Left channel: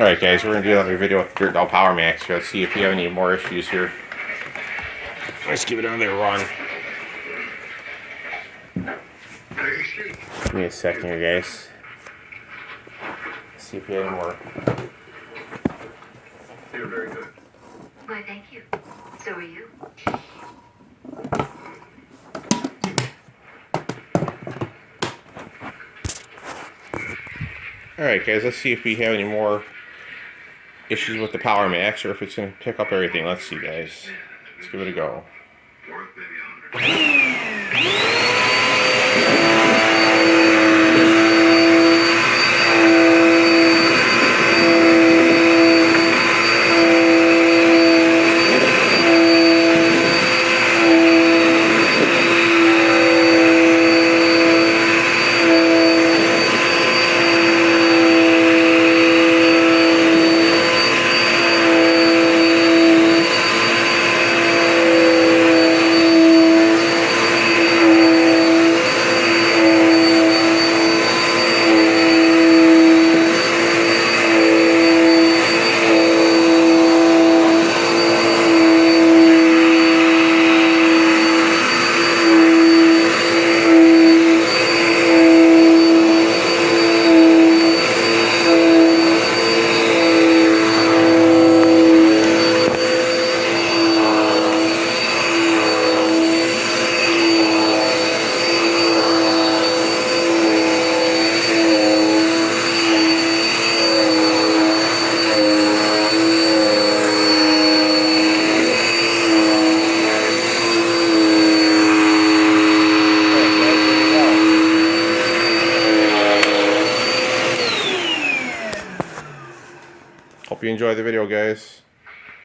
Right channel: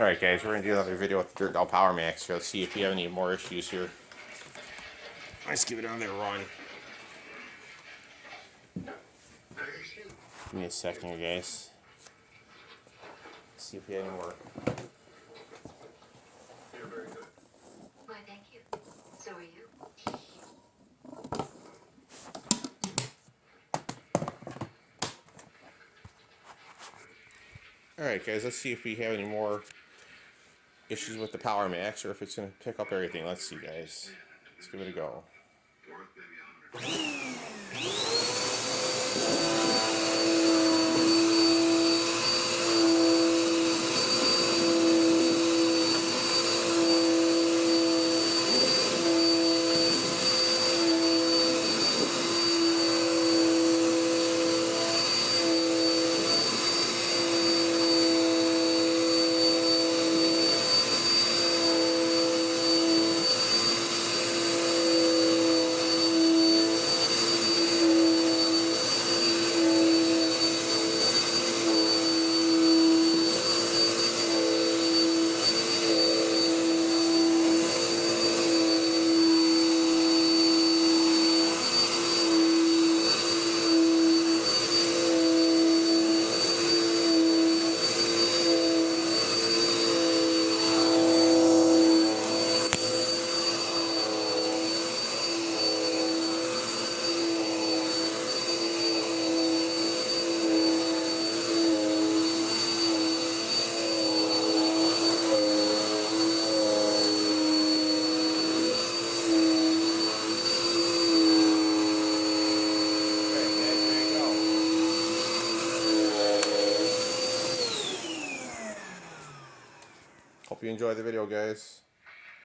Alright guys, we're going to do another video with Dirt Doll Power Max here. Let's see if we have any more issues here. Let's give it another run. Give me a second here guys. Let's see if we have any more. You're very good. Why, thank you. So are you. Alright guys, let's see if we have any more issues with the Power Max or if it's going to pick up everything. Let's see guys. Let's give it a go. Worth maybe 100. Hope you enjoy the video guys.